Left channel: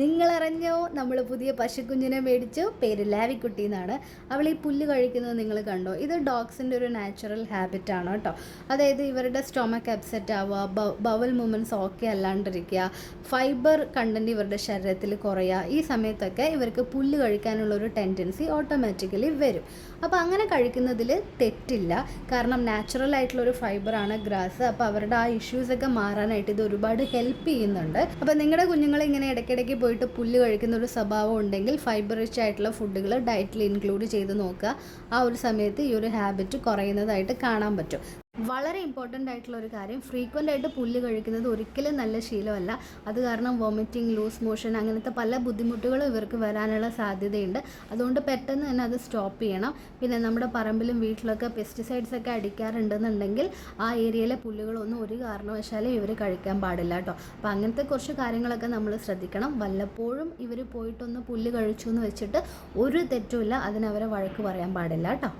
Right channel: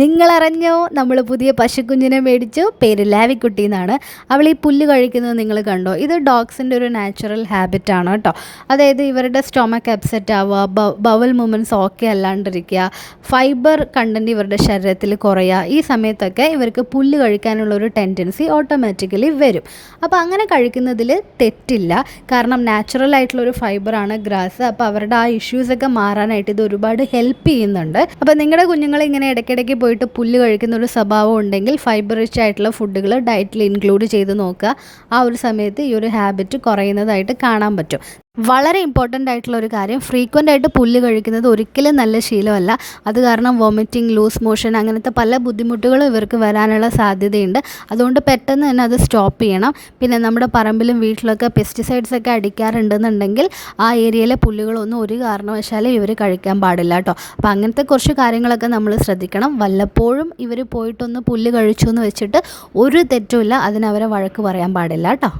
നിങ്ങളറിഞ്ഞോ നമ്മൾ പുതിയ പശുക്കുഞ്ഞിനെ മേടിച്ചു, പേര് ലാവിക്കുട്ടി എന്നാണ്. അവൾ ഈ പുല്ല് കഴിക്കുന്നത് നിങ്ങൾ കണ്ടോ? ഇത് ഡോഗ്സിൻ്റെ ഒരു നാച്ചുറൽ ഹാബിറ്റാണ് കേട്ടോ. അതായത് ഇവരുടെ സ്റ്റൊമക്ക് അപ്സെറ്റ് ആവുക, ബവൽ മൂവ്മെൻറ്റ്സ് ഓക്കെ അല്ലാണ്ടിരിക്കുക, ഫൈബർ കണ്ടൻറ്റ് ഇവരുടെ ശരീരത്തിൽ കുറയുക. ഈ സമയത്തൊക്കെ ഇവർക്ക് പുല്ല് കഴിക്കാനുള്ള ഒരു ടെൻഡൻസി ഓട്ടോമാറ്റിക്കലി വരും. അപ്പോൾ അങ്ങനെ കഴിക്കുന്നതിൽ തെറ്റില്ല, കാരണം നാച്ചുറൽ ആയിട്ടുള്ളൊരു ഫൈബറാണ് ഗ്രാസ്. അപ്പോൾ അവരുടെ ആ ഇഷ്യൂസൊക്കെ മാറാനായിട്ട് ഇത് ഒരുപാട് ഹെൽപ്പ് ചെയ്യുന്നുണ്ട്. അപ്പോൾ നിങ്ങളുടെ കുഞ്ഞുങ്ങൾ ഇങ്ങനെ ഇടയ്ക്കിടയ്ക്ക് പോയിട്ട് പുല്ല് കഴിക്കുന്ന ഒരു സ്വഭാവം ഉണ്ടെങ്കിൽ ഫൈബർ റിച്ച് ആയിട്ടുള്ള ഫുഡുകൾ ഡയറ്റിൽ ഇൻക്ലൂഡ് ചെയ്ത് നോക്കുക. ആ ഒരു സമയത്ത് ഈ ഒരു ഹാബിറ്റ് കുറയുന്നതായിട്ട് കാണാൻ പറ്റും. വളരെ ഇമ്പോർട്ടൻ്റ് ആയിട്ടുള്ള ഒരു കാര്യം, ഫ്രീക്വൻ്റ് ആയിട്ട് പുല്ല് കഴിക്കുന്നത് ഒരിക്കലും നല്ല ശീലമല്ല. അത് കാരണം വോമിറ്റിംഗ്, ലൂസ് മോഷൻ അങ്ങനത്തെ പല ബുദ്ധിമുട്ടുകളും ഇവർക്ക് വരാനുള്ള സാധ്യതയുണ്ട്. അതുകൊണ്ട് പെട്ടെന്ന് തന്നെ അത് സ്റ്റോപ്പ് ചെയ്യണം. പിന്നെ നമ്മുടെ പറമ്പിലും വീട്ടിലൊക്കെ പെസ്റ്റിസൈഡ്സ് ഒക്കെ അടിക്കാറുണ്ടെന്നുണ്ടെങ്കിൽ ആ ഏരിയയിലെ പുല്ലുകളൊന്നും ഒരു കാരണവശാലും ഇവർ കഴിക്കാൻ പാടില്ല കേട്ടോ. അപ്പോൾ അങ്ങനത്തെ കുറച്ച് കാര്യങ്ങളൊക്കെ നമ്മൾ ശ്രദ്ധിക്കണം. വല്ലപ്പോഴും ഇവർ പോയിട്ടൊന്ന് പുല്ല് കഴിച്ചു എന്ന് വെച്ചിട്ട് ഒരു തെറ്റുമില്ല, അതിനവരെ വഴക്ക് പറയാൻ പാടില്ല കേട്ടോ.